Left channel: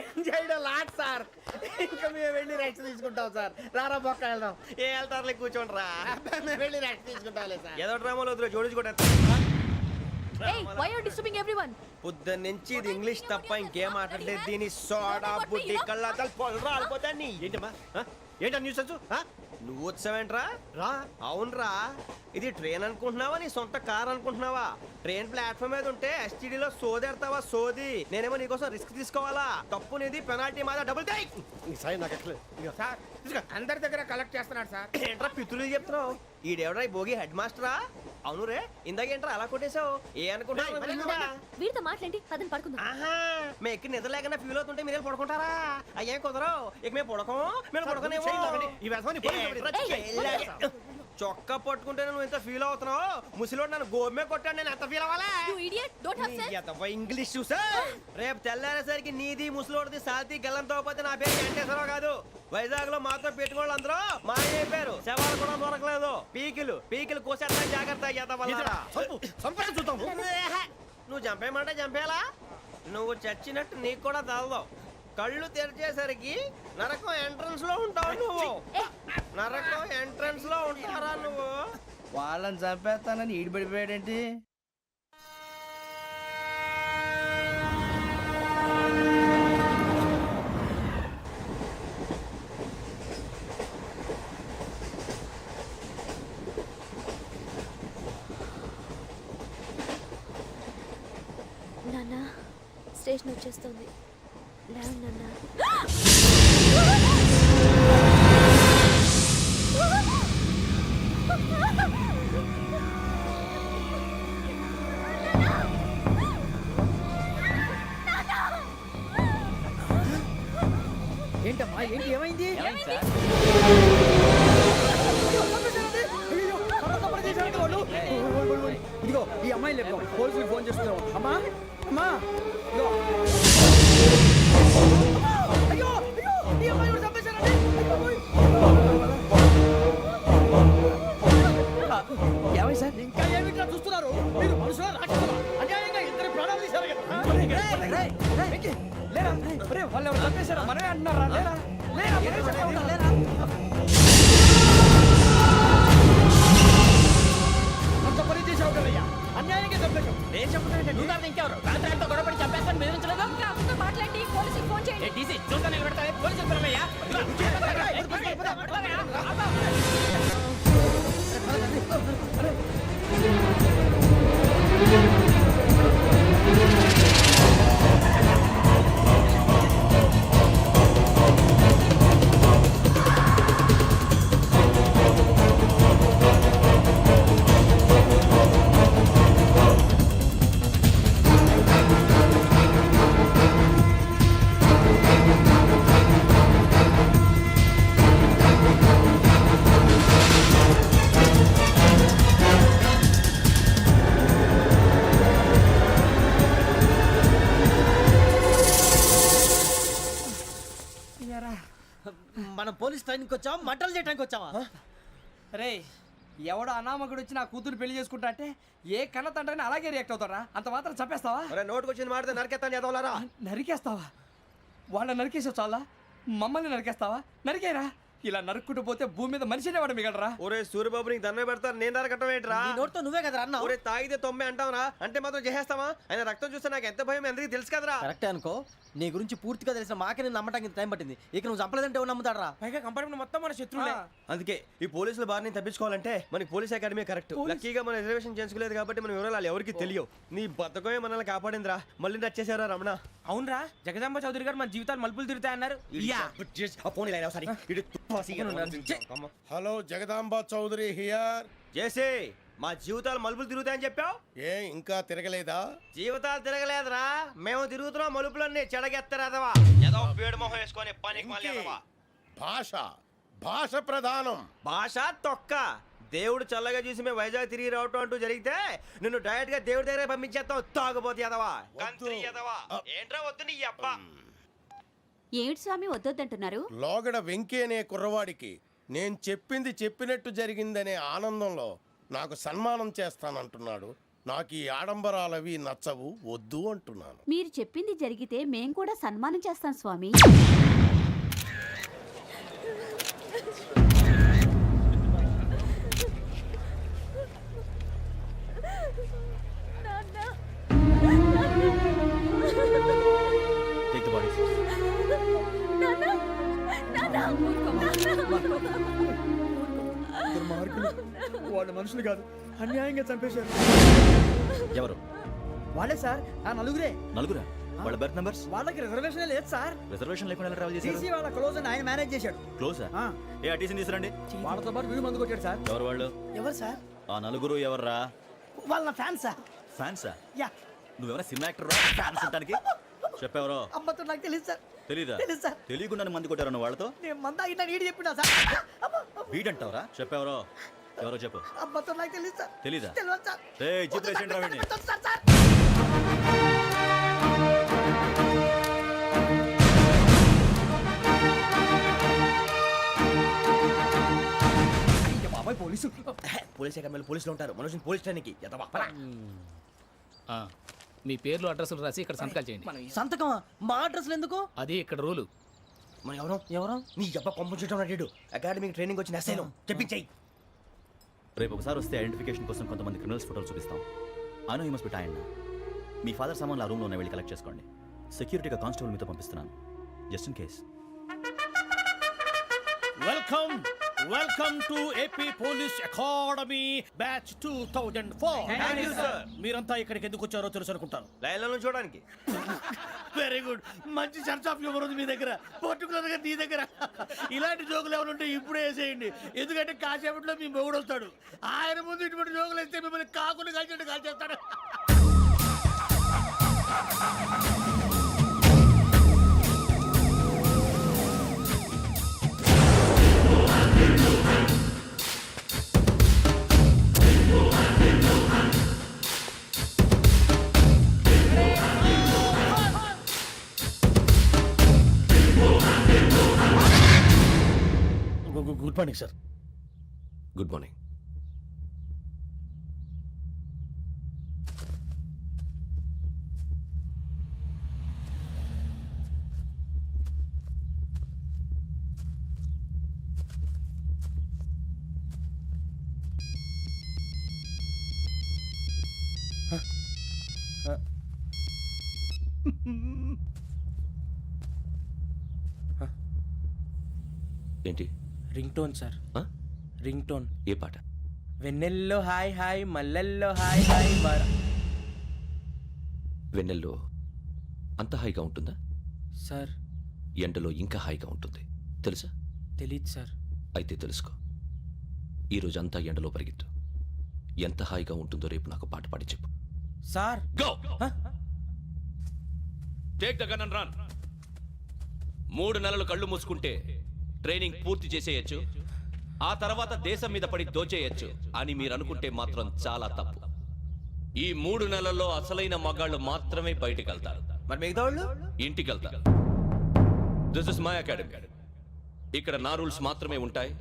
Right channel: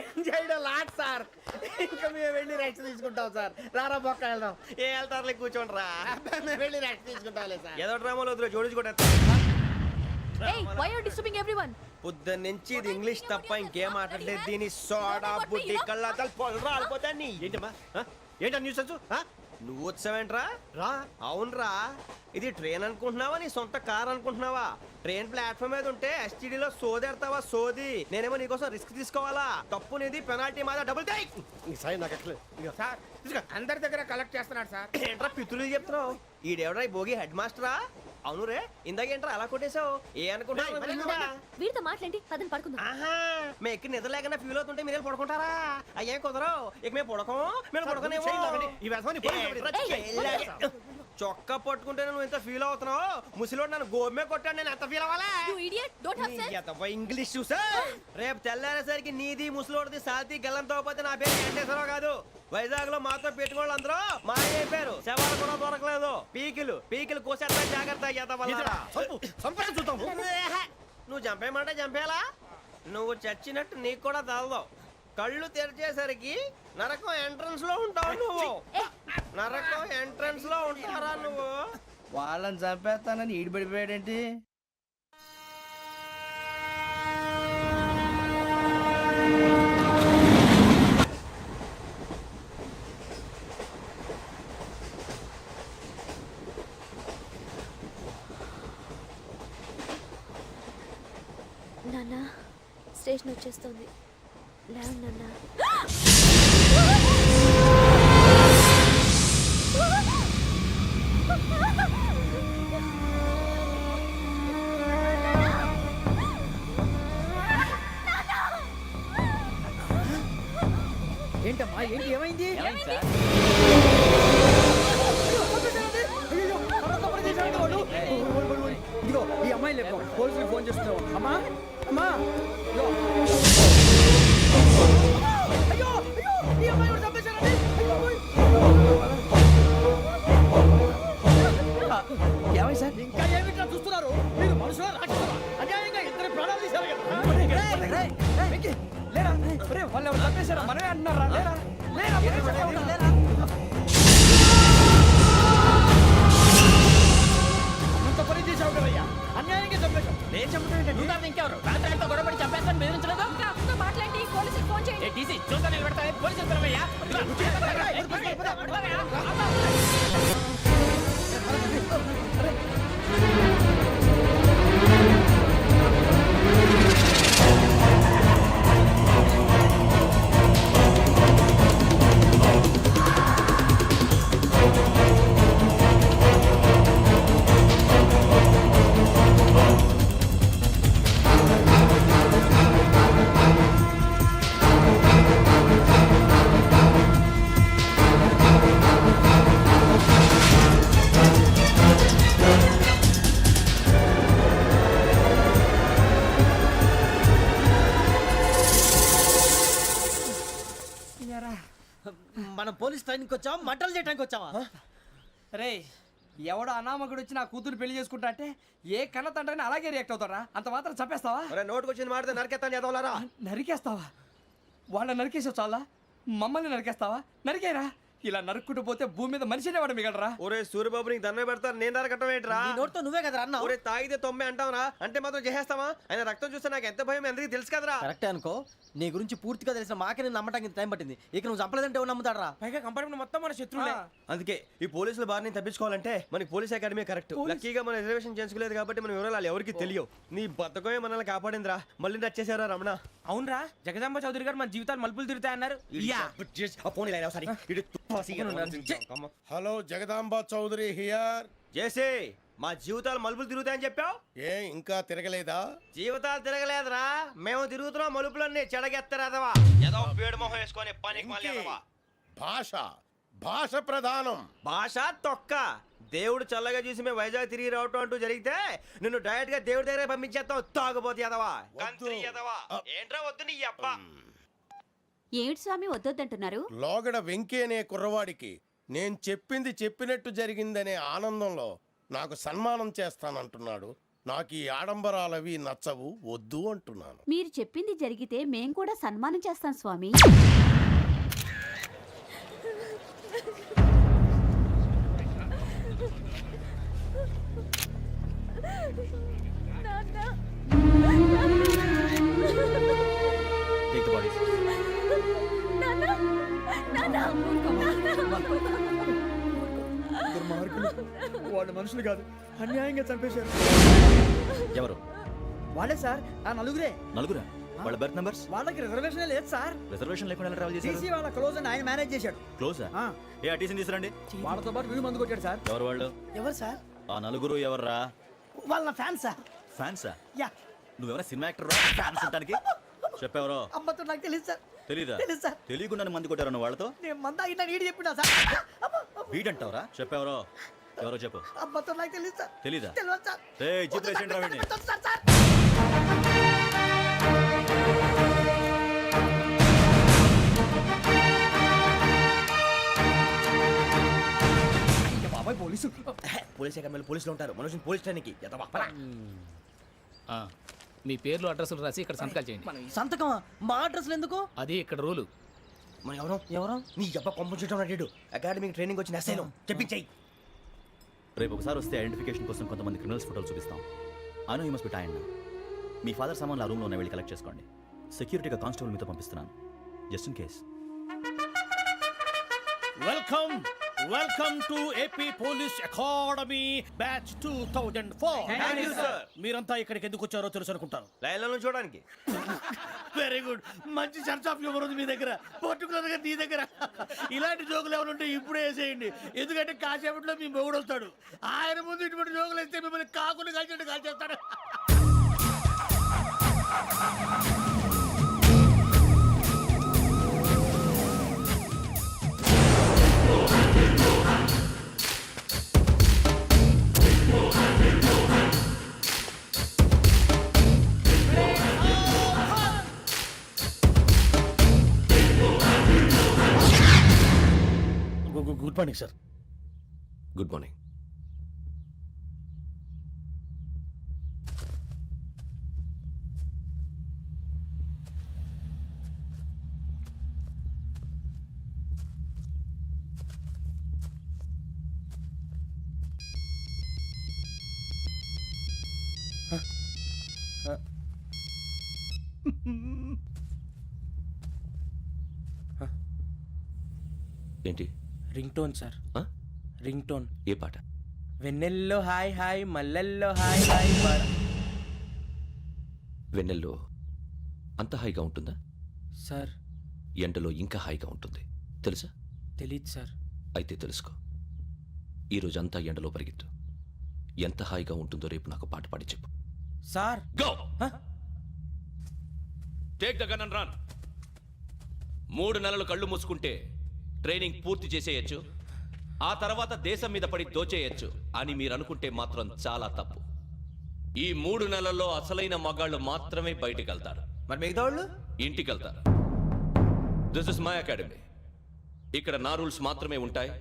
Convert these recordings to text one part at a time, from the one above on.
ఏం చేయడం lot sir. ఇంకా మేము వెళ్ళి రెస్ట్ తీసుకుంటాం సార్. రారా బొక్క వెళ్దాం. ఏ వెళ్తారులే కూర్చోండి రా. అబ్బాయి, మేము వెళ్ళి రెస్ట్ తీసుకుంటాంలే సార్. ఏదో డ్రామాలో వద్దు జోడించుకోవడం. Hey, why are you disturbing everyone? పొద్దున్న నుంచి ఇది ఇంగ్లీష్ తప్ప ఇంకేం మాట్లాడలేదు. దీని సోడా బుడ్డి కళ్ళ పొలరా ఆడిపోతాన్ని. ఏంటమ్మా ఏంటా న్యూస్ వచ్చు? నువ్వు వచ్చావేంట్రా? రా. అవునరా, ఇది ట్రైన్ అనుకుంటున్నావా నీ సొంత కార్ అనుకుంటున్నావా? ట్రైన్ ప్లాట్ఫామ్ మీద ఉంటే ఎస్టీడీలో సోదేడతావా సోది? నేనేమో నీకోసం రిస్క్ తీసుకోవాలా? తప్పు నీది, పెనాల్టీ మాదా, డబుల్ టై. సాయి నాకు ఎట్లేదు సార్ అందరి దగ్గర కలెక్ట్ చేస్తున్నాడు సార్. ఏంట్రా పితులు చెప్తున్నావు? ఈడెవడ్రా భోగి హెడ్ మాస్టరా? అవును రే, ఇందాకేంట్రా అలా కొట్టేశావు? ఏ అనుకుంటున్నా? వీరితో మాట్లాడి పదని పడుకుందాం. ఆహా, మేము ఎక్కి నిద్ర లేకుండా ఫీల్ అవుతుంటే మీరు పడుకుంటారా? అయ్యేం కుదరవు. ఇక మేము పడకం, మేము పడకనేమో. చొక్కా పట్టుకుంటే నువ్వు ఎంత ఫీల్ అవుతున్నావు? ముసలివాడు నన్ను గోమే కొట్టాడు, నేను ఎంత ఫీల్ అవ్వాలా? You idiot, don't have sense. English చూసా. రేపు తెల్లారేసరికి నీది ముసలివాడిది సాల్తీ గల్లంతో పోతే నా పేరు వెంకటేశ్వరరావు కాదు. వైజాగ్ లో మాతో పెట్టుకోళ్ళు అందరూ మాయైపోయారు. శవాలు కూడా దొరకలేదు. పీకిలు కోసేస్తా జాగ్రత్త. నువ్వు చంపేయమంటే చంపేలా? నువ్వు చచ్చినట్టు నీకు కూడా తగదు. కళ్ళు తెరిచేసరికి నరకం ఎంట్రన్స్ లో ఉంటావు నువ్వు. నరకం ఎంట్రన్స్ లో ఉంటారా నువ్వు? వాళ్ళని చంపేస్తానని ఈడిపడిపోయాడేంటి? నాన్న, స్టేషన్ వచ్చేస్తుంది. లేవు నాన్న. ఏంటమ్మా ఏంటి ఏమైంది? ఇదిగో ఈ అమ్మాయి లేపు పోలీసులకు ఫోన్ చేస్తున్నావు. అమ్మా అమ్మా అయ్యో అయ్యో ఈ అమ్మాయి కూడా చంపేశారండి. ఏమై సార్? ఇంకా ఏమిట్లా చూస్తున్నారు? మీరు మనుషుల రాక్షసులా? అన్యాయంగా ఇద్దరు ప్రాణాలు తీశారు కదా. లేరా వాళ్ళు ఎవరు చంపేశారా? మనమే అంటున్నారా? లేరా లేరా అంత పని చేసావు కదయ్యా, అన్యాయంగా చంపేశావు. నేను చంపుతాను. నువ్వు కాదు ఇంకెవరు? రాత్రి గొడవపడి చంపేస్తాను బెదిరించలేదు. ఇంకా అతనితో మాట్లాడి పోలీసులకు ఫోన్ చేయండి. టీసీ చూస్తా నిలబెడతా. పోలీసులు పిలవయ్యా. మనం పోలీస్ ట్రైనింగ్కి వచ్చావా, మంటలు చేయడానికి వచ్చావా? రే ఎవడో అనామకుడు వచ్చి నా కూతురు పెళ్లి చేసుకుంటా అంటే ఏ కన్న తండ్రిని అలాగే రియాక్ట్ అవుతారా? అంత మాత్రం చంపేస్తావా? నోటుకు వచ్చింది మాడితే నరికెత్తాను చదవాలరా. నరికేస్తావా? వాళ్ళని నరికేసావు చాలా, మమ్మల్ని నరికేస్తావా? నరికేరా. ఇలా నరుక్కుంటూ పోతే భూమి మీద మనిషినే వాడు మిగలరా. ఒరే సూర్యబాబు నీకు దండ పెడతారు, నేను నరకటం ఏంట్రా? నోటితో నువ్వే కదా అన్నా. ఒరే తాగితే 90 అంటావరా? అంటే మాత్రం చేసేస్తావా? ఆయన రక్తం చూస్తే నాకు ఎంత భయం అందరికీ తెలుసు కదరా. కరెక్టే అనుకో, నీ గురించి పూర్తిగా తెలిసిన మాకే నేను నమ్మటానికి టైం పట్టింది. ఇక నువ్వు చంపలేదంటే ఎవరు నమ్ముతాడరా? పైగా కంపార్ట్మెంట్ మొత్తం మన శత్రువులే. అందుకే ఈ పోలీసుల బారిని తప్పించుకోవాలంటే మనకి పోలీస్ అకాడమీ కరెక్ట్. లక్కీగా మన రిజర్వేషన్ చేసుకోలేదు కాబట్టి మన వివరాలు ఎవరికి తెలియవు. నీ బతకమే మనల్ని కాపాడిందిరా. మళ్ళీ నచ్చేసారా రమణ? అవునరా, జగదాంబ చౌదరి గారు మన జీవితాలు మలుపులు తిరుగుతాయన్నారు. Hello Jagadamba Chowdary here. చేసే మా జీవితాలు మలుపులు తిరుగుతాయని చెప్పావు. ఏ ఇంకా తిరగలేదా? జీవితాలు తిరగలేదురా, మేము తిరుగుతున్నాం మలుపులన్నీ. చెడగెత్తరాదవా ఏదో పేడు మొహం వేసుకొని పనికి మళ్ళీ భాష భాష ప్రధానం. భాష తొక్క. దేవుడు చల్లగా చూసి మేము వైజాగ్ తిరిగి రావటం అంటూ జరిగితే నిన్ను డైరెక్ట్ గా దేవుడి దగ్గర పంపించేస్తాం. తాగబోతు ఎదవా, కంత్రి ఎదవా. ఏంట్రా వద్దు నీ అబ్బా. ఏమిటి స్వామి వద్దొద్దంటున్నారు? లోగడ వెంకీ అనే కుర్రవాడికి నేను చెప్పింది చెప్పినట్టు జరిగిందనే ఆనందంలో నాకు సన్మానం చేస్తానంటున్నాడు. నాకు ఈ ఆడంబరాలవి నచ్చవు, వద్దు అంటున్నాను. మీరు చెప్పింది జరిగితే మేం కూడా సన్మానం చేస్తాం స్వామి. Take the bodies. దుర్మార్గులు, వాళ్ళు మనుషులు కాదు, అన్యాయంగా చంపేశారు. ఎవరు? వాళ్ళే సార్, ఆ నలుగురే. నలుగురా? వాళ్ళ బర్త్ నంబర్స్? వాళ్ళకి రిజర్వేషన్ లేదు సార్. రిజర్వేషన్ లేకుండా ఎలా ట్రావెల్ చేశారు? టీసీ వాళ్ళ క్లోజ్ అని ఆయన మేనేజ్ చేశాడు. క్లోజా? ఆ. ఏ ఆ టీసీని తీసుకురండి. వాళ్ళతో పాటు వీడు మందు కొట్టాడు సార్. ఎవరు వాళ్ళు? ఎవరు సార్? ఆ నలుగురు ఎవర్రా? వాళ్ళ ఫ్యాన్ సార్. ఫ్యాన్సా? యా. నువ్వెవరా సినిమా యాక్టర్ రా ఫ్యాన్స్ అంటానికి? చెప్పెవరో? అమ్మతో నాకు తెలియదు సార్. తెలీదా? తెలీదు సార్. తెలియకుండా మంది కొట్టారు వాళ్ళతో? నేను మంద అయినా నీడి చెప్పినా సార్. వీడంటావరా? చెప్పెవరో? ఎవరో చెప్పు. అమ్మతో నాకు తెలియదు సార్. తెలీదా? తెలియదు సార్. ఏయ్ జీప్ రేసేంట్రా వీడిని. Sir sir. అయ్య బాబాయ్ పోలీసు. పోలీస్ అకాడమీలో పోలీసులు ఉంటారు, మనుషులు పోలీస్ స్టేషన్కి ఎదవా. ఆ, మీ పేర్లు అడ్రస్లు రాసి ఇక్కడ సంతకాలు చేయండి. సంతకమా? మా అడ్రస్లు ఎందుకు? అది ఇక్కడ రూలు. మనం ఎవరు? ఎవరు? నీ అబ్బా పంపించడం అడిగాడు. అకాడమిక్ ట్రైనింగ్ వచ్చిన అసైలం చెప్పించాయి. రేపు ఒకసారి వస్తే ఐడెంటిఫికేషన్ కోసం కొంతమంది క్రిమినల్స్ ఫోటోలు చూపిస్తాం. I know you must be tired now. Me father సామాన్లు ఆ రూమ్లో ఉన్న వెళ్ళి కలెక్ట్ చేసుకోండి. సెక్యూరిటీగా కానిస్టేబుల్ మీతో పంపిస్తున్నాను, just in case. Welcome welcome to AP police academy batch 2004. మీరంతా ఇక్కడికి ఎందుకు వచ్చారో తెలుసు అనుకుంటాను. లైన్లో చూడడానికి. వెరీ గుడ్, మంచి సెన్స్ ఆఫ్ హ్యూమర్ ఉంది మీ దగ్గర, పర్టికులర్ గా నీ దగ్గర. ఇలాంటి జోకులు ఏమైనా ఉంటే ఇప్పుడే వేసేయండి, ఎందుకంటే కాసేపట్లో మీ మొగుడు వస్తాడు. ఆయన ముందు ఇటువంటి జోకులు వేస్తే మిమ్మల్ని కాకుని కాల్చేట్టు కాల్చేస్తాడు. Good morning sir. Good morning. ఏంటి? Ring tone sir. Ring tone. ఏ పాట? వెన్నెల్లో హాయ్ హాయ్ మల్లెల్లో హాయ్ హాయ్ వెన్నెల్లో అంత హాయిగా ఉంటుందా? సార్ ఎండలో ఇంకా హాయిగా ఉంటుంది తెలుసా? తెలీదు సార్. అయితే తెలుసుకో, ఈరోజు అంతా ఎండలో పరిగెత్తు. ఎంత హాయిగా ఉంటుందో రేపు నాకు పాట పాడి చెప్పు. Sir go take the gun and run. 3 నెలలు కళ్ళు మూసుకుంటే ట్రైనింగ్ పూర్తి చేసేయచ్చు, ఆ తర్వాత దేశం మీద పడి దోచేయచ్చు అని మీరు అనుకుంటే మాత్రం చాలా తప్పు. ఈ 3 నెలల్లో అసలైన మగాళ్ళు మాత్రమే బయటికి వెళ్తారు. మరి మిగతా వాళ్ళు ఇంటికి వెళ్తారు. This is my academy. ఇక్కడ నా రూల్స్ మాత్రమే ఉంటాయి,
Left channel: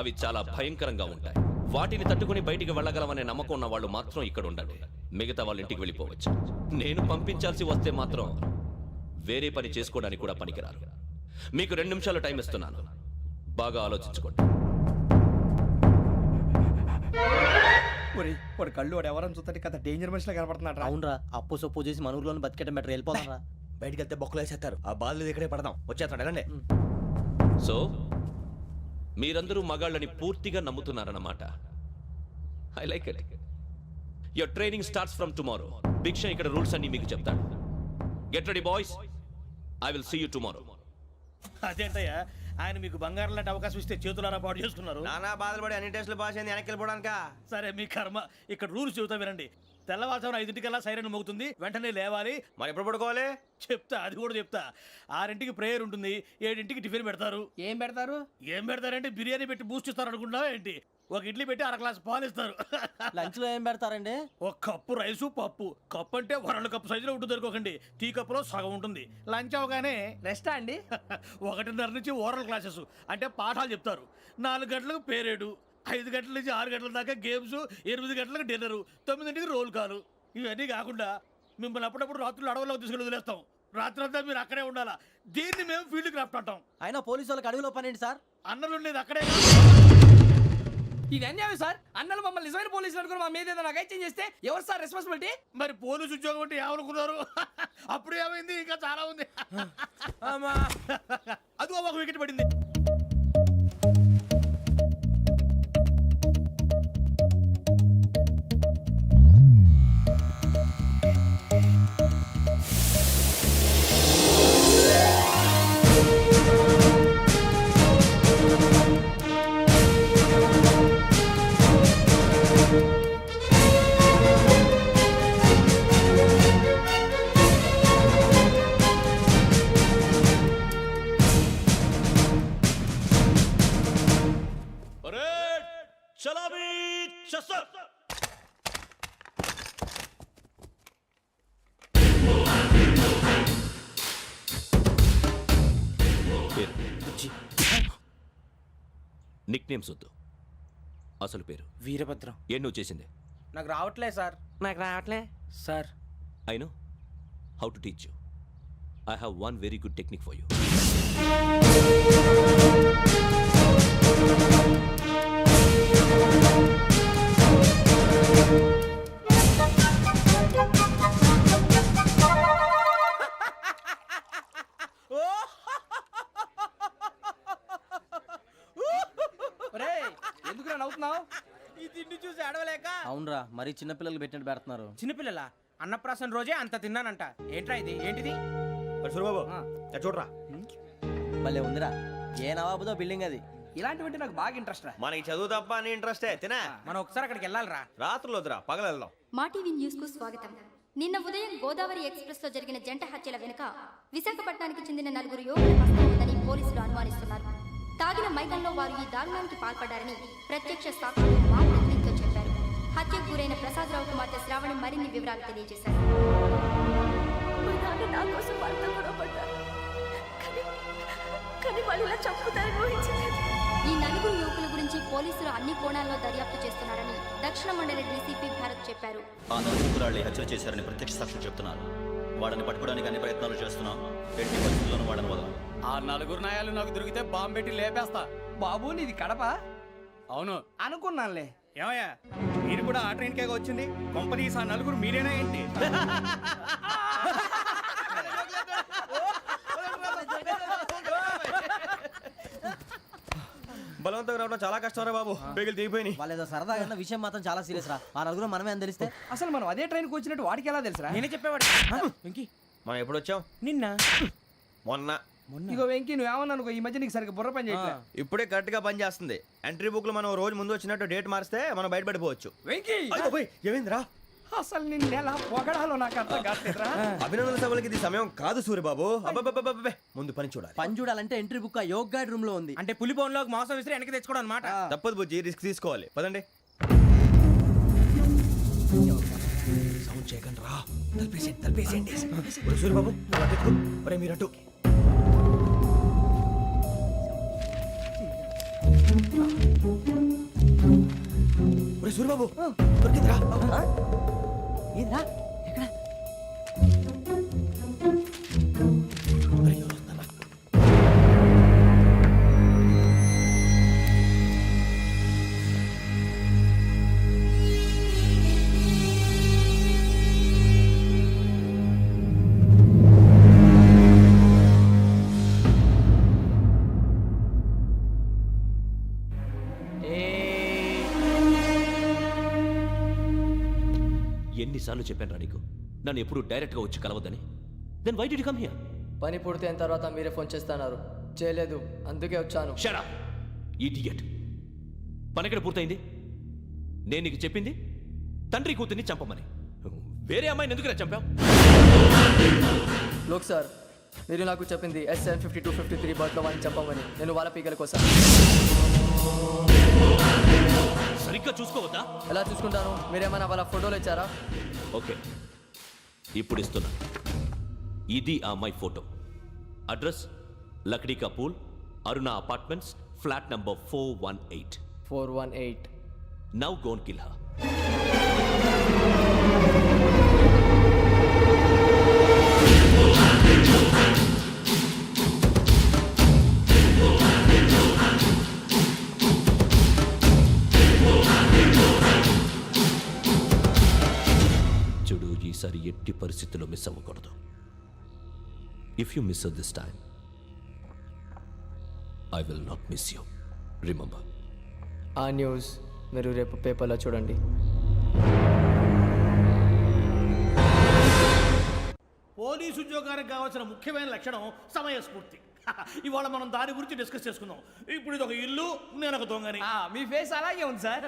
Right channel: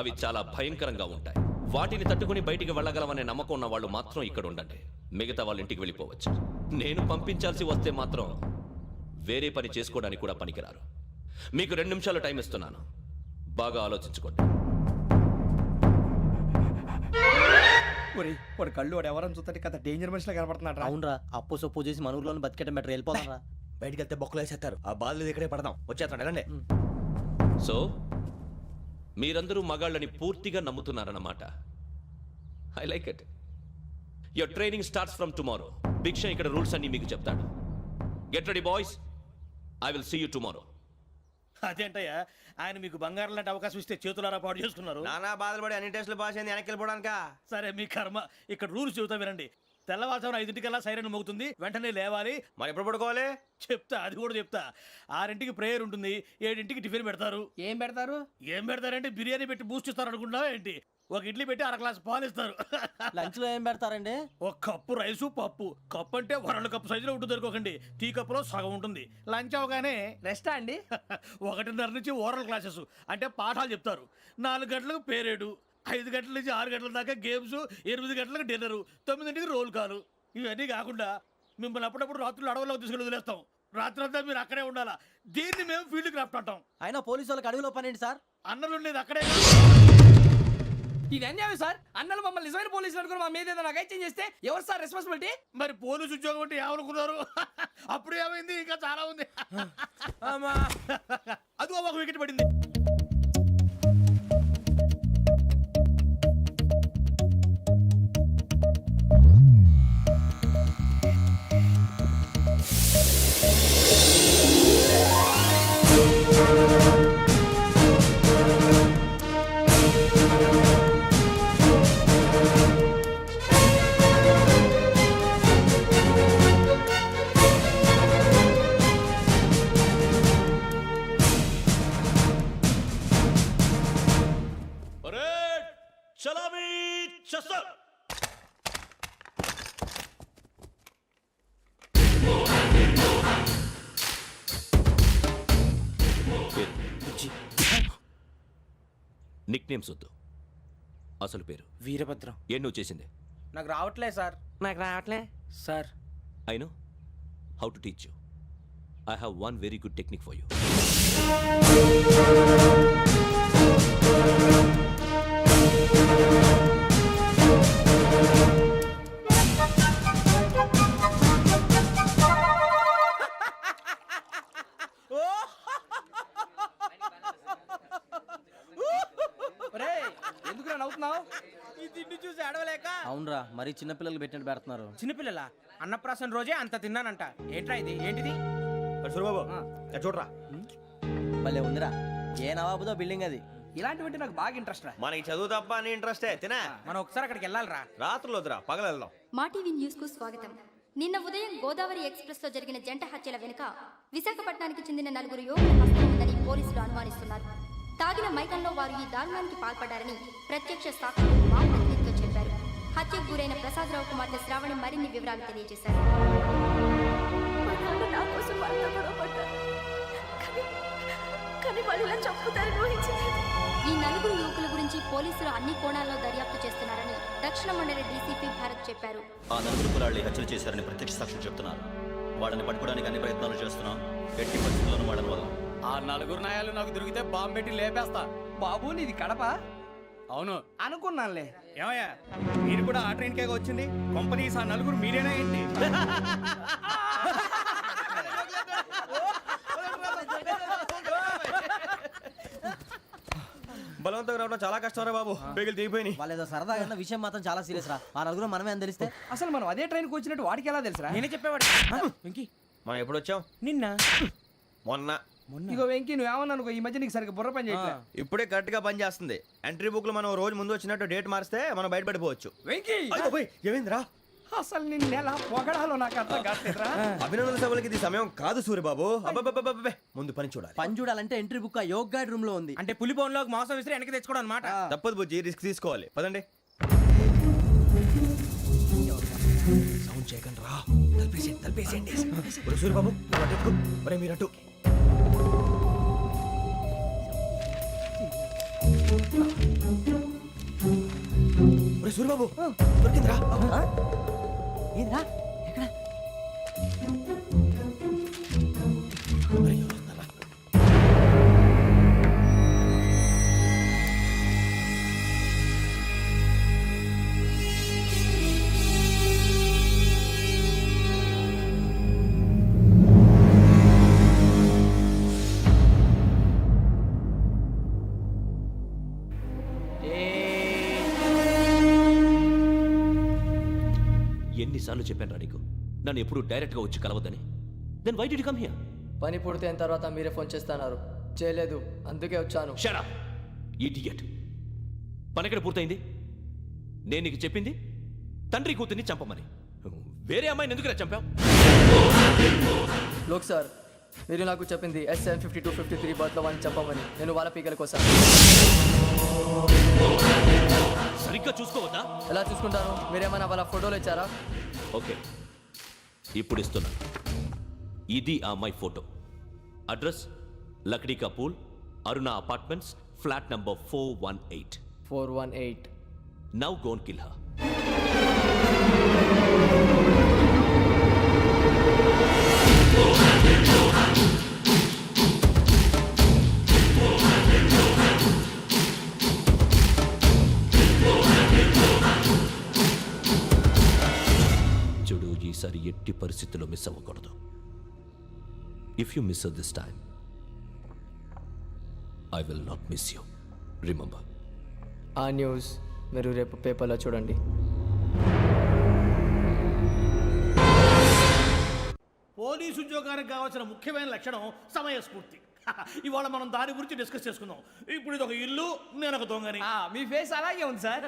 అవి చాలా భయంకరంగా ఉంటాయి. వాటిని తట్టుకుని బయటికి వెళ్ళగలమనే నమ్మకం ఉన్న వాళ్ళు మాత్రం ఇక్కడ ఉండండి, మిగతా వాళ్ళు ఇంటికి వెళ్ళిపోవచ్చు. నేను పంపించాల్సి వస్తే మాత్రం వేరే పని చేసుకోవడానికి కూడా పనికిరారు. మీకు 2 నిమిషాలు టైం ఇస్తున్నాను, బాగా ఆలోచించుకోండి. వాడు కళ్ళు వాడు ఎవరని చూస్తే కదా డేంజర్ మనిషిలో కనపడుతున్నాడు. అవునరా, అప్పు సొప్పు చేసి మన ఊర్లో బతికేయడం బెటర్. వెళ్ళిపోతారా? బయటికి వెళ్తే బొక్కలు వేసేస్తారు. ఆ బాధలు ఇక్కడే పడదాం. వచ్చేస్తాడు వెళ్ళండి. సో మీరందరూ మగాళ్ళని పూర్తిగా నమ్ముతున్నారన్నమాట. I like it. Your training starts from tomorrow. Bhiksha ఇక్కడ రూల్స్ అన్ని మీకు చెప్తాడు. Get ready boys, I will see you tomorrow. అదేంటయ్యా, ఆయన మీకు బంగారం లాంటి అవకాశం ఇస్తే చేతులారా పాటు చేసుకున్నారు. నానా బాధలు పడి అన్ని టెస్టులు పాస్ అయింది, వెనక్కి వెళ్ళిపోవడానికా? సరే మీ కర్మ. ఇక్కడ రూల్స్ చెబుతా వినండి. తెల్లవారుజామున 5 సైరన్ మోగుతుంది, వెంటనే లేవాలి. మరి ఎప్పుడు పడుకోవాలి? చెప్తా, అది కూడా చెప్తా. 6 ప్రేయర్ ఉంటుంది, 7 టిఫిన్ పెడతారు. ఏం పెడతారు? ఏం పెడతారంటే బిర్యానీ పెట్టి బూస్ట్ ఇస్తారు అనుకుంటున్నావా ఏంటి? ఒక ఇడ్లీ పెట్టి 1 గ్లాస్ పాలు ఇస్తారు. లంచ్ లో ఏం పెడతారండి? ఒక కప్పు రైసు పప్పు. కప్పు అంటే 1 కప్పు సైజులో ఉంటుంది అనుకోకండి, టీ కప్పులో సగం ఉంటుంది. లంచ్ అవగానే రెస్టా అండి? 1:30 నుంచి ఓరల్ క్లాసెస్ అంటే పాఠాలు చెప్తారు. 4 గంటలకు పేరేడు, 5 గంటల నుంచి 6 గంటల దాకా గేమ్స్, 8 గంటలకు డిన్నర్, 9ంటికి రోల్ కాలు. ఇవన్నీ కాకుండా మిమ్మల్ని అప్పుడప్పుడు రాత్రులు అడవుల్లో తీసుకుని వదిలేస్తాం. రాత్రి అంతా మీరు అక్కడే ఉండాలా. దీన్ని మేము ఫీల్డ్ క్రాఫ్ట్ అంటాం. అయినా పోలీసు వాళ్ళకి అడవిలో పని ఏంటి సార్? అన్నలు ఉండేది అక్కడే. ఇది అన్యాయం సార్. అన్నలు మమ్మల్ని నిజమైన పోలీసులు అనుకుని మా మీద ఏదైనా చేంజ్ చేస్తే ఎవరు సార్ రెస్పాన్సిబిలిటీ? మరి పోలీసు ఉద్యోగం అంటే ఏమనుకున్నారు? అప్పుడు ఏమైంది? ఇంకా చాలా ఉంది. అది ఒక వికెట్ పడింది. చలామీ చసర్. పేరు నిక్ నేమ్స్ వద్దు, అసలు పేరు. వీరభద్రం. ఏం నువ్వు చేసింది? నాకు రావట్లే సార్. నాకు రావట్లే sir. I know how to teach you. I have one very good technique for you. ఎందుకు నవ్వుతున్నావు? ఈ తిండి చూసి అడవలేక. అవునరా, మరీ చిన్నపిల్లలు పెట్టినట్టు పెడుతున్నారు. చిన్నపిల్లల అన్నప్రాసన రోజే అంత తిన్నానంట. ఏంట్రా ఇది? ఏంటిది? సూరిబాబు చూడరా, భలే ఉందిరా. ఏ నవాబుదో బిల్డింగ్ అది. ఇలాంటివంటే నాకు బాగా ఇంట్రెస్ట్ రా. మనకి చదువు తప్ప అని ఇంట్రెస్టే. తినా మనం ఒకసారి అక్కడికి వెళ్ళాలిరా. రాత్రులు వద్దురా, పగలు వెళ్దాం. మా టీవీ న్యూస్ కు స్వాగతం. నిన్న ఉదయం గోదావరి ఎక్స్ప్రెస్ లో జరిగిన జంట హత్యల వెనుక విశాఖపట్నానికి చెందిన 4 యువకుల హస్తం ఉందని పోలీసులు అనుమానిస్తున్నారు. తాగిన మైకంలో వారు ఈ దారుణానికి పాల్పడ్డారని ప్రత్యక్ష సాక్షులు మా ప్రతినిధితో చెప్పారు. హత్యకు గురైన ప్రసాదరావు కుమార్తె శ్రావణి మరిన్ని వివరాలు తెలియజేశారు. నా కోసం వాళ్ళతో గొడవ పడ్డారు, కానీ వాళ్ళు ఇలా చంపుతారని ఊహించలేదు. ఈ 4 యువకుల గురించి పోలీసులు అన్ని కోణాల్లో దర్యాప్తు చేస్తున్నారని దక్షిణ మండలి డీసీపీ భరత్ చెప్పారు. ఆ 4 కులాళ్ళని హత్యలు చేశారని ప్రత్యక్ష సాక్షులు చెప్తున్నారు. వాళ్ళని పట్టుకోవడానికి అన్ని ప్రయత్నాలు చేస్తున్నాం. ఎట్టి పరిస్థితుల్లోనూ వాళ్ళని వదలం. ఆ 4 నాయాలు నాకు దొరికితే బాంబు పెట్టి లేపేస్తా. బాబు నీది కడప? అవును అనుకున్నానులే. ఏమయ్యా, మీరు కూడా ఆ ట్రైన్ కేగా వచ్చింది? కంపెనీస్ ఆ 4 మీరేనా ఏంటి? బలవంతంగా రావడం చాలా కష్టం రా బాబు. బేగులు దిగిపోయినాయి. వాళ్ళేదో సరదాగా విషయం మాత్రం చాలా సీరియస్ రా. ఆ 4 మనమే అని తెలిస్తే అసలు మనం అదే ట్రైన్కి వచ్చినట్టు వాడికి ఎలా తెలుసురా? నేనే చెప్పేవాడు. వెంకీ, మనం ఎప్పుడు వచ్చాం? నిన్న మొన్న. ఇగో వెంకీ, నువ్వేమన్నా అనుకో, ఈ మధ్య నీకు సరిగ్గా బుర్ర పని చేయట్లే. ఇప్పుడే కరెక్ట్ గా పని చేస్తుంది. ఎంట్రీ బుక్ లో మనం రోజు ముందు వచ్చినట్టు డేట్ మారిస్తే మనం బయటపడిపోవచ్చు. వెంకీ, ఏమైందిరా? అసలు నిన్న ఎలా పొగడాలో నాకు అర్థం కాట్లేదురా. అభినందన సభలకి ఇది సమయం కాదు సూర్యబాబు. అబ్బబ్బబ్బబ్బబ్బే, ముందు పని చూడాలి. పని చూడాలంటే ఎంట్రీ బుక్ ఆ యోగ్ గైడ్ రూమ్ లో ఉంది. అంటే పులి బోన్లోకి మాంసం విసిరి వెనక్కి తెచ్చుకోవడం అనమాట. తప్పదు బుజ్జి, రిస్క్ తీసుకోవాలి. పదండి. సౌండ్ చేయకండి రా. తలపేసేయండి. సూర్యబాబు నువ్వు అటు ఎక్కు. ఒరే మీరు అటు. ఒరే సూర్యబాబు దొరికిందిరా. ఏంద్రా ఎక్కడ? ఒరే, ఎవరు వస్తున్నారా? ఎన్నిసార్లు చెప్పాను రా నీకు, నన్ను ఎప్పుడు డైరెక్ట్ గా వచ్చి కలవద్దని. Then why did you come here? పని పూర్తయిన తర్వాత మీరే ఫోన్ చేస్తున్నారు. చేయలేదు, అందుకే వచ్చాను. Shut up idiot. పని ఎక్కడ పూర్తయింది? నేను నీకు చెప్పింది తండ్రి కూతుర్ని చంపమని. వేరే అమ్మాయిని ఎందుకు చంపావు? లోక్ సార్, మీరు నాకు చెప్పింది SN5253 బర్త్లో వాడిని చంపమని. నేను వాళ్ళ పీకల కోసం. సరిగ్గా చూసుకోవద్దా? ఎలా చూసుకుంటాను? మీరేమైనా వాళ్ళ ఫోటోలు ఇచ్చారా? ఓకే, ఇప్పుడు ఇస్తున్నా. ఇది ఆ అమ్మాయి photo. Address Lakdi ka Pul, Aruna apartments, flat number 418. 418. Now gone kill her. చూడు, ఈసారి ఎట్టి పరిస్థితుల్లో మిస్ అవ్వకూడదు. If you miss this time I will not miss you. Remember. ఆ న్యూస్ మీరు రేపు పేపర్లో చూడండి. పోలీసు ఉద్యోగానికి కావాల్సిన ముఖ్యమైన లక్షణం సమయస్ఫూర్తి. ఇవాళ మనం దాని గురించి డిస్కస్ చేసుకుందాం. ఇప్పుడు ఇది ఒక ఇల్లు, నేను ఒక దొంగని. మీ ఫేస్ అలాగే ఉంది సార్.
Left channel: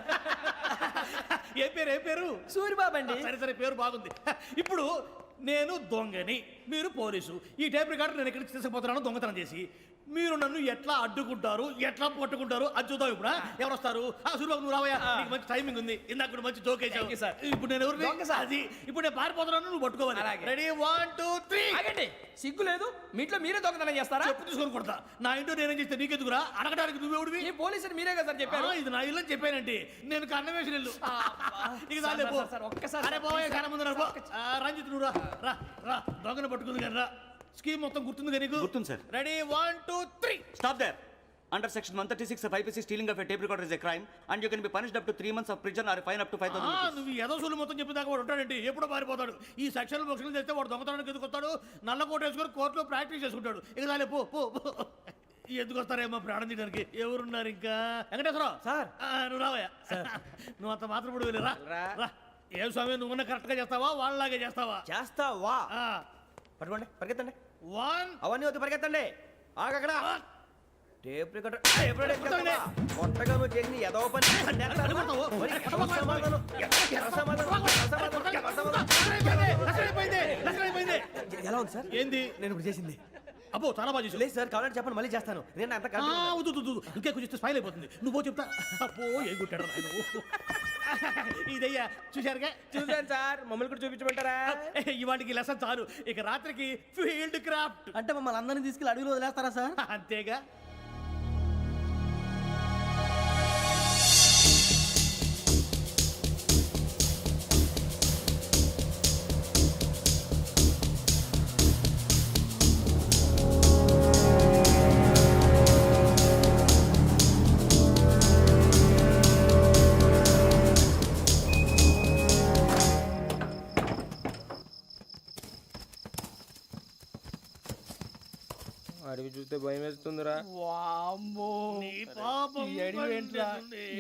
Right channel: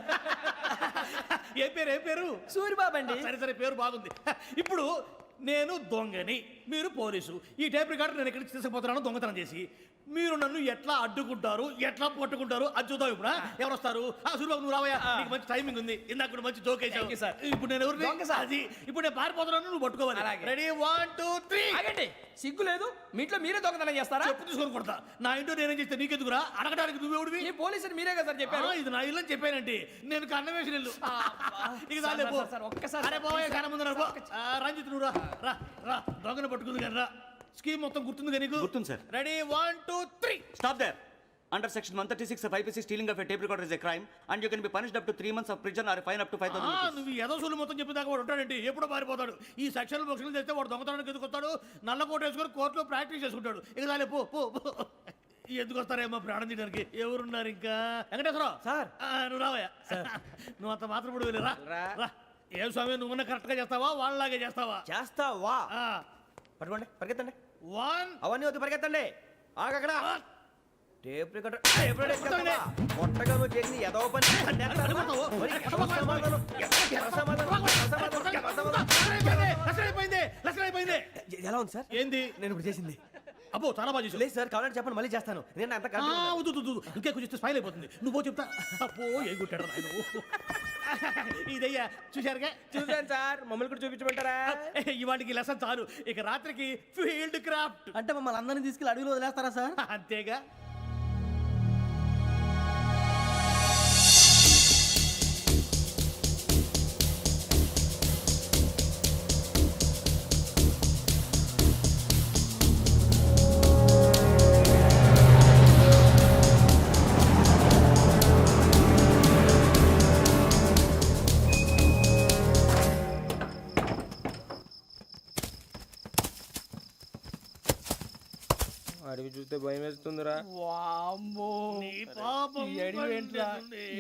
ఏ పేరు? సూరిబాబు అండి. సరే పేరు బాగుంది. ఇప్పుడు నేను దొంగని, మీరు పోలీసు. ఈ టైప్ రికార్డు నేను ఎక్కడికి తీసుకుపోతున్నాను దొంగతనం చేసి. మీరు నన్ను ఎట్లా అడ్డుకుంటారు, ఎట్లా పట్టుకుంటారు అది చూద్దాం. ఇప్పుడు ఎవరు వస్తారు? సూరిబాబు నువ్వు రావయ్యా, నీకు మంచి టైమింగ్ ఉంది. ఇందాక కూడా మంచి జోక్ వేసావు సార్. ఇప్పుడు నేను ఎవరు? అది ఇప్పుడు నేను పారిపోతున్నాను, నువ్వు పట్టుకోవాలి. రెడీ 1 2 3. ఆగండి, సిగ్గు లేదు? మీ ఇంట్లో మీరే దొంగతనం చేస్తారా? చెప్పు తీసుకొని కొడతా. నా ఇంట్లో నేనేం చేస్తే నీకెందుకురా? అడగడానికి నువ్వెవడివి? ఈ పోలీసులు మీరే కదా సార్ చెప్పారు. ఇది నా ఇల్లు అని చెప్పానంటే నేను కన్నం వేసిన ఇల్లు. ఇక చాలే పో. ఒక్కసారి అరే బాబాయ్ కన్న ముందు రంజిత్ నువ్వు రా దొంగను పట్టుకుంది కానీ రా. స్కీమ్ మొత్తం గుర్తుంది కానీ నీకు? గుర్తుంది sir. Ready 1 2 3. Stop there. Under section 136 of IPC, stealing of a tape recorder is a crime and you can be punished up to 3 months of prison or a fine up to 5,000 rupees. నువ్వు ఏదో సూలు మొత్తం చెప్పేదాకా వాడు ఉంటాడండి. ఎప్పుడో పారిపోతాడు. ఈ సెక్షన్లు బొక్షన్లు చేస్తే వాడు దొంగతనానికి ఎందుకు వస్తాడు? నల్ల కోట వేసుకొని కోర్టులో ప్రాక్టీస్ చేసుకుంటాడు. ఇక చాలే పో. ఎందుకు వస్తారేమో ప్రాణం తీయడానికి. ఎవరున్నారు ఇంకా? వెంకటేశ్వరరావు సార్. నువ్వు రావయ్యా. నువ్వు అంత మాత్రం ఇప్పుడు వెళ్ళి రా. ఏం స్వామి, నువ్వున్న కరెక్ట్ గా చేస్తావా వాళ్ళలాగే చేస్తావా? చేస్తావా? పట్టుకోండి, పరిగెత్తండి. 1 అవన్నీ వద్దు, పరిగెత్తండి. ఆగక్కడ టేప్ రికార్డర్ కొట్టగా నువ్వు చేసి ఏదో పని ఎలా ఉంది సార్? ఏంది నేను ఇప్పుడు చేసింది? అబ్బో చాలా బాగా చేసావు. లేదు సార్, కావాలంటే చెప్పండి, మళ్ళీ చేస్తాను. నేను అంత ఇంకే కొంచెం స్మైల్ అయిపోతుంది. నువ్వు చెప్తా. అబ్బో ఏ గుట్టాడు ఆయన. ఇదయ్యా చూశారుగా? చూసాను సార్. మమ్మల్ని కూడా చూపించమంటారా? ఇవాటికి లెసన్ చాలు. ఇక రాత్రికి ఫీల్డ్ క్రాఫ్ట్. అంటే మమ్మల్ని అందరినీ తీసుకెళ్ళి అడుగులో వదిలేస్తారా సార్? అంతేగా. అడిగి చూస్తే భయం వేస్తుందిరా. వామ్మో, నీ పాపం ఈ అడివి ఏంట్రా?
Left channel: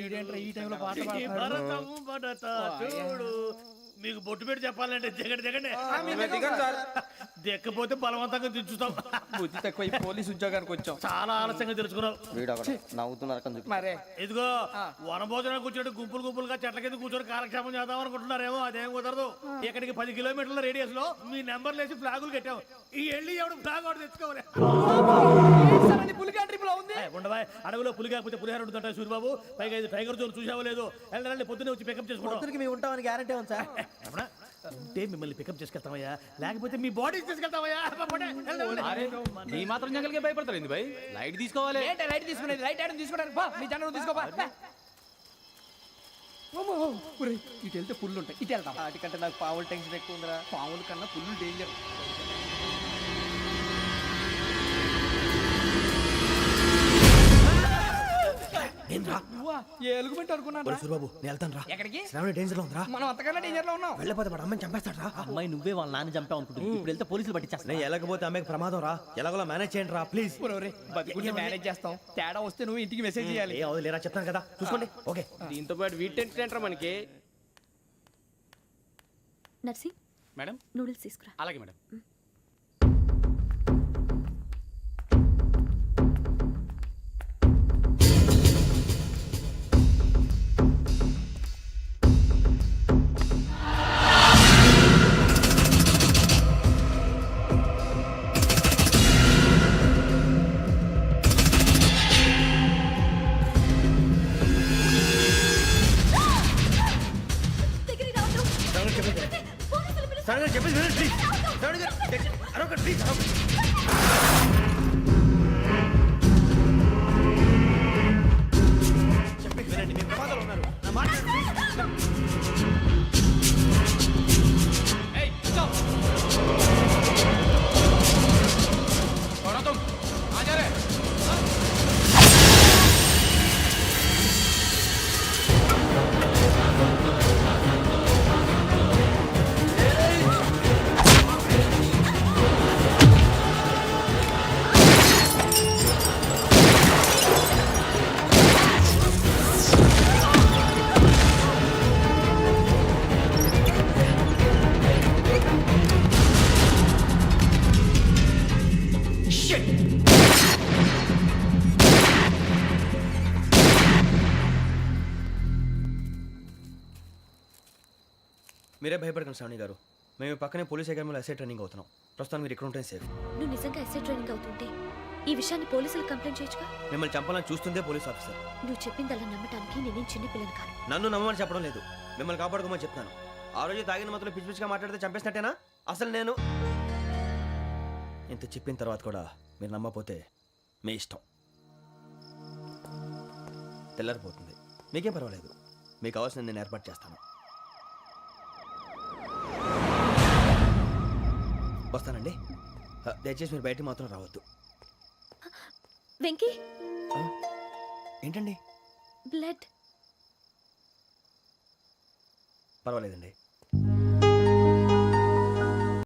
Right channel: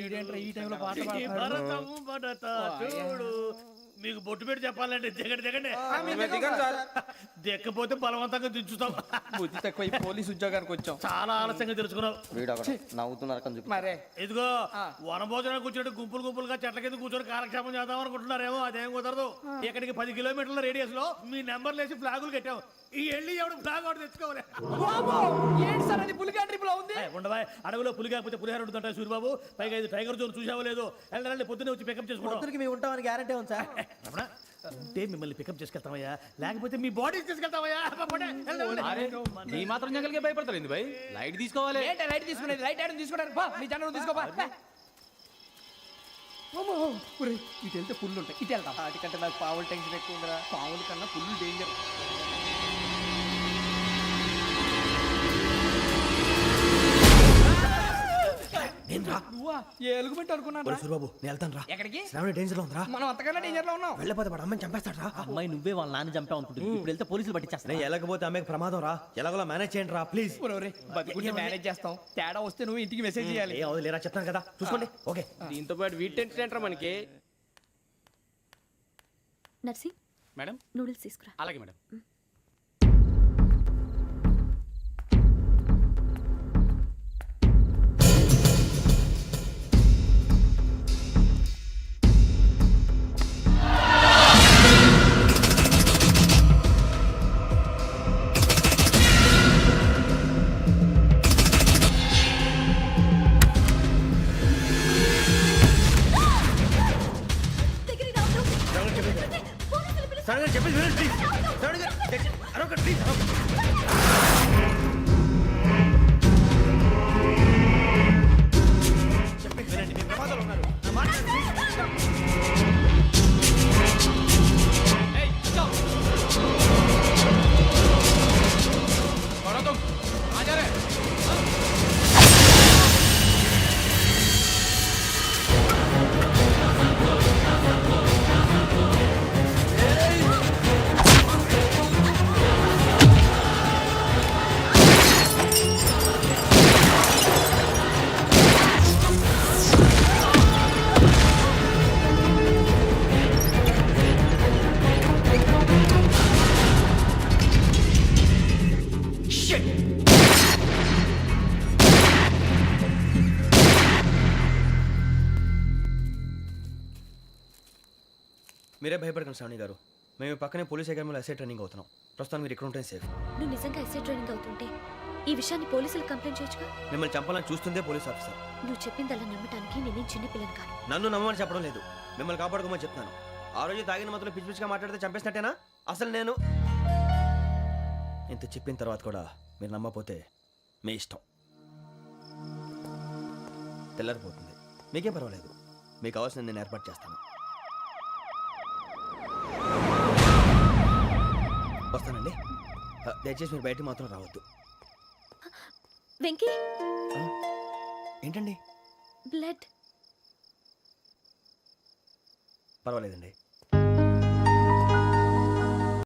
ఈడేంట్రా ఈ టైంలో పాట పాడుతున్నాడు? భరతము భరత చూడు. మీకు బొట్టు పెట్టి చెప్పాలంటే దిగండి. దిక్కపోతే బలవంతంగా దించుతాం. బుద్ధి తక్కువ. ఈ పోలీస్ ఉద్యోగానికి వచ్చాం. చాలా ఆలస్యంగా తెలుసుకున్నావు. మరే ఇదిగో వనభోజనానికి కూర్చోటి గుంపులుగా చెట్ల కింద కూర్చొని కాలక్షేపం చేద్దాం అనుకుంటున్నారేమో. అదేం కుదరదు. ఇక్కడికి 10 కిలోమీటర్ల రేడియస్ లో మీ నెంబర్లు వేసి ఫ్లాగులు కట్టాం. ఈ వెళ్ళి ఎవడు ఫ్లాగ్ ఒకటి తెచ్చుకోవాలి. పులిగా ట్రిప్ లో ఉంది. ఉండవా, అడవిలో పులి కాకపోతే పులిహార ఉంటుంటాయి సూరిబాబు. పైగా ఇది టైగర్ జోన్ చూసావో లేదో. వెళ్ళండి, పొద్దున్నే వచ్చి పికప్ చేసుకుంటాం. మేము ఉంటామని గ్యారంటీ ఉంది సార్. ఉంటే మిమ్మల్ని పికప్ చేసుకెళ్తామయ్యా, లేకపోతే మీ బాడీ తీసుకెళ్తామయ్యా. నీ మాత్రం జంగల్కే భయపడతారు ఏంది భయ్? లైట్ తీసుకోవాలి. ఏంటి లైట్ తీసుకునేది? లైట్ ఐటమ్ తీసుకోవడానికి బా, మీ జనం తీసుకోబా. ఇటు వెళ్తే పుల్లు ఉంటాయి, ఇటు వెళ్తాం. వాటికంటే నాకు పావులు టెన్షన్ ఎక్కువ ఉందిరా. పావుల కన్నా పుల్లు డేంజర్. ఎలుగుబెట్టి అనుకున్నాను. సూరిబాబు నేను వెళ్తాను రా. ఎక్కడికి? శ్రావణి డేంజర్ లో ఉందిరా. మనం అంతకన్నా డేంజర్ లో ఉన్నాం. వెళ్ళపోతే వాడు అమ్మని చంపేస్తాడు రా. అమ్మాయి నువ్వే వాళ్ళ నాన్న చంపావు అనుకుంటుంది. ఇప్పుడు వెళ్తే పోలీసులు పట్టించేస్తా. నేను వెళ్ళకపోతే అమ్మకి ప్రమాదం రా. ఎలాగోలా మేనేజ్ చేయండి రా ప్లీజ్. బతికుంటే మేనేజ్ చేస్తాం. తేడా వస్తే నువ్వు ఇంటికి మెసేజ్ చేయాలి. ఏ లేరా చెప్తాను కదా, చూసుకోండి. ఓకే. దీంతో పాటు వీటి టెన్షన్ ఏంట్రా మనకి? నర్సి, మేడం. నూడిల్స్ తీసుకురా. అలాగే మేడం. చెప్పేసి ప్లీజ్. అరొక ప్లీజ్. చెప్పేసి వినండి. మీరే భయపడకండి శ్రావణి గారు. మేము పక్కనే పోలీస్ అకాడమీలో ఎస్ఐ ట్రైనింగ్ అవుతున్నాం. ప్రస్తుతానికి మీరు ఇక్కడ ఉంటే సేఫ్. నువ్వు నిజంగా ఎస్ఐ ట్రైనింగ్ అవుతుంటే ఈ విషయాన్ని పోలీసులకు కంప్లైంట్ చేయొచ్చుగా. మిమ్మల్ని చంపాలని చూస్తుందే పోలీస్ ఆఫీసర్. నువ్వు చెప్పిందల్లా నమ్మటానికి నేనేం చిన్న పిల్లని కాను. నన్ను నమ్మమని చెప్పడం లేదు, మిమ్మల్ని కాపాడుకోమని చెప్తాను. ఆ రోజు తాగిన మత్తులో పిచ్చి పిచ్చిగా మాట్లాడితే చంపేసినట్టేనా? అసలు నేను ఇంత చెప్పిన తర్వాత కూడా మీరు నమ్మపోతే మీ ఇష్టం. తెల్లారిపోతుంది, మీకేం పర్వాలేదు. మీకు కావాల్సిన నేను ఏర్పాటు చేస్తాను. వస్తానండి. దయచేసి మీరు బయటికి మాత్రం రావద్దు. వెంకీ, ఏంటండి? బ్లడ్. పర్వాలేదండి.